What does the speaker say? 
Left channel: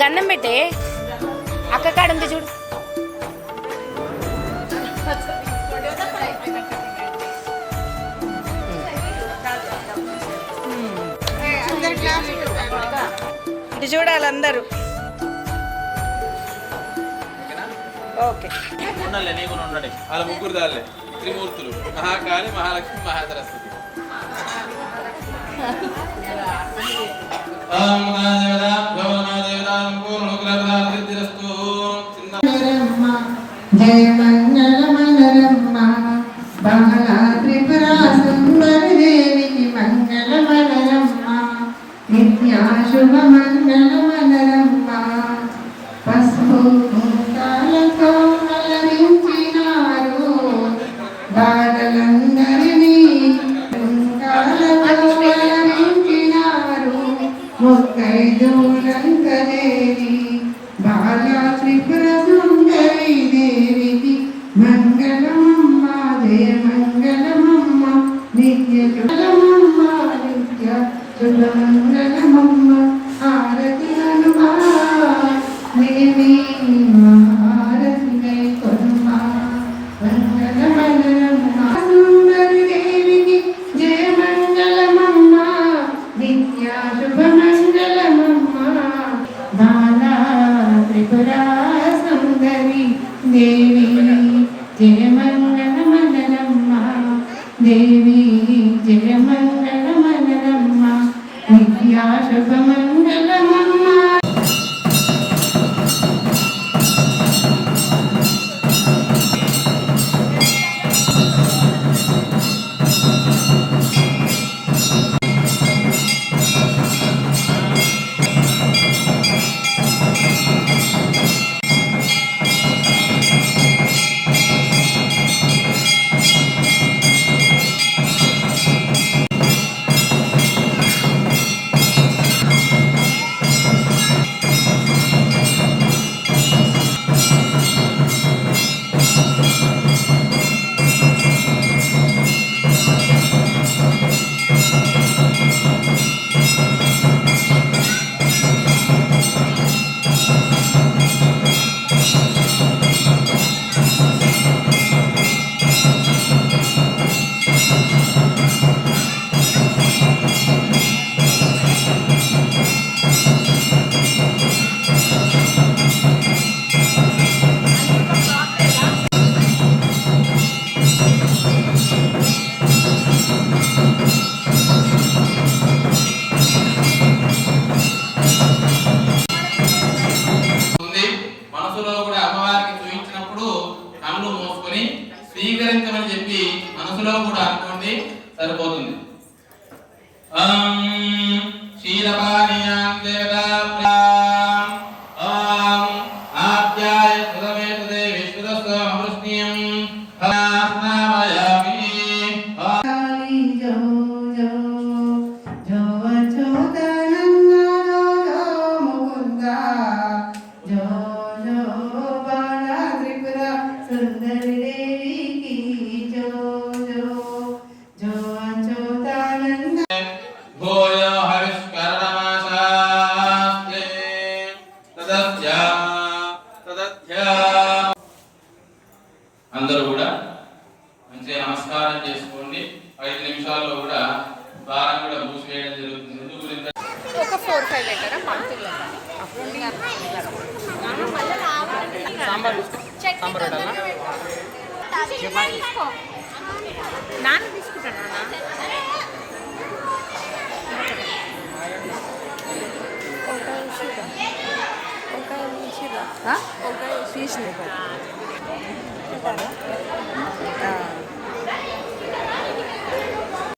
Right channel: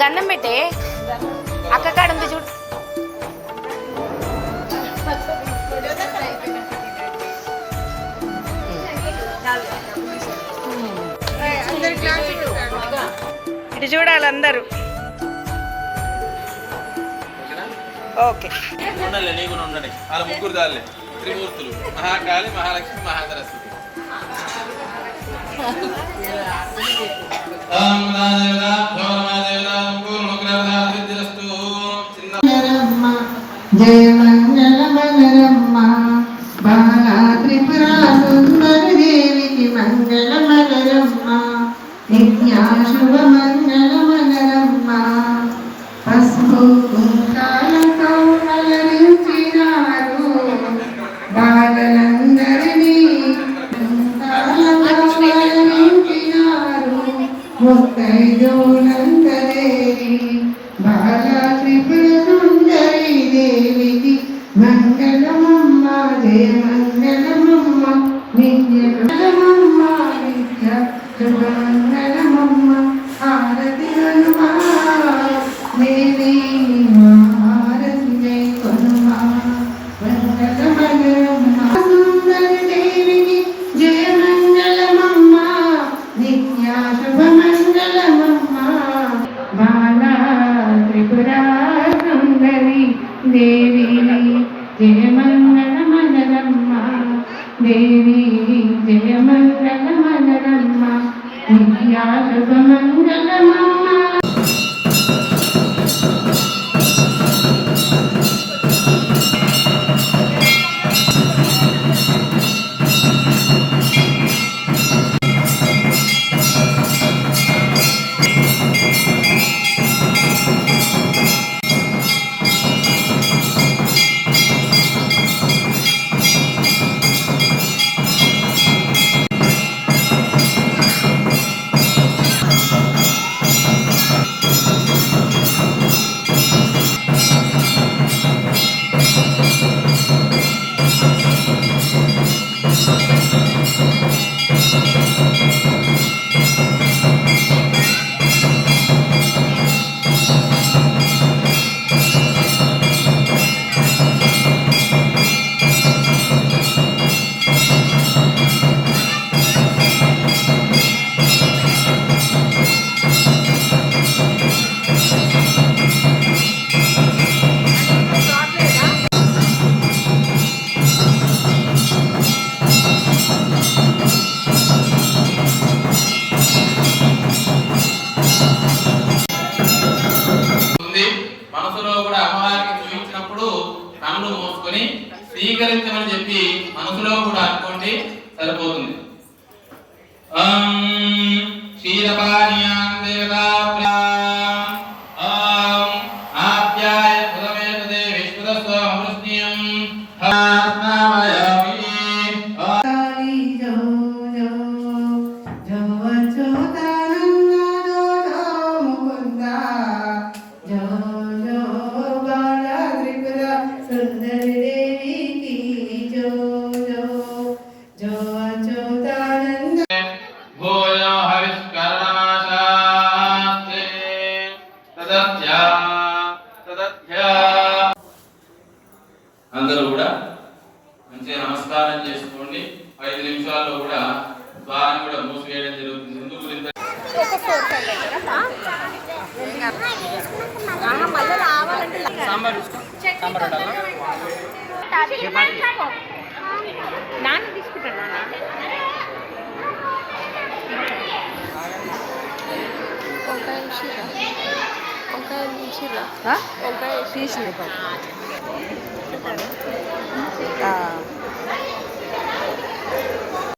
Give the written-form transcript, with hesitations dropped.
గన్నం పెట్టే అక్క కాడ ఉంది చూడు. ఇటు చూడాలి అందరూ. ఓకే ముగ్గురు దాలే త్రిమూర్తులు మహాకాళి మహాలక్ష్మి మహాసరస్వతి. జయ మంగళమలరమ్మ బాలా త్రిపురా సుందరి దేవికి మంగళమలరమ్మ నిత్యా శుభ మంగళమలరమ్మ పసుపు కుంకాలతో అలరించినారు బాలలందరినీ కుంకాలతో అలరించినారు ముత్తైదులందరేది బాలా త్రిపుర సుందరి దేవికి మంగళమమ్మ జయ మంగళమమ్మ నిత్య మంగళమమ్మ నిత్య శుభ మంగళమమ్మ హారతి దేవి హారతి కొమ్మ మంగళమమ్మ సుందరి దేవికి జయ మంగళమమ్మ నిత్య శుభ మంగళమమ్మ బాలా త్రిపురా సుందరి దేవి జయ మంగళమలరమ్మ దేవి జయ మంగళమలరమ్మ నిత్యా శుభ మంగళమమ్మ. మనసులో కూడా అమ్మవారికి చూపించినప్పుడు కళ్ళు మూసుకొని స్వీకరించమని చెప్పి మనసులో కూడా అనుకోండి, సరిపోతుంది. అందరూ కూడా మంచిగా నమస్కారం చేసుకోండి. 5 నిమిషాల్లో కూడా ద్వారం కూడా మూసివేయడం జరుగుతుంది. ఎందుకు గురించి నాన్న తీసుకుంటాను. వంకాయ తీసిరా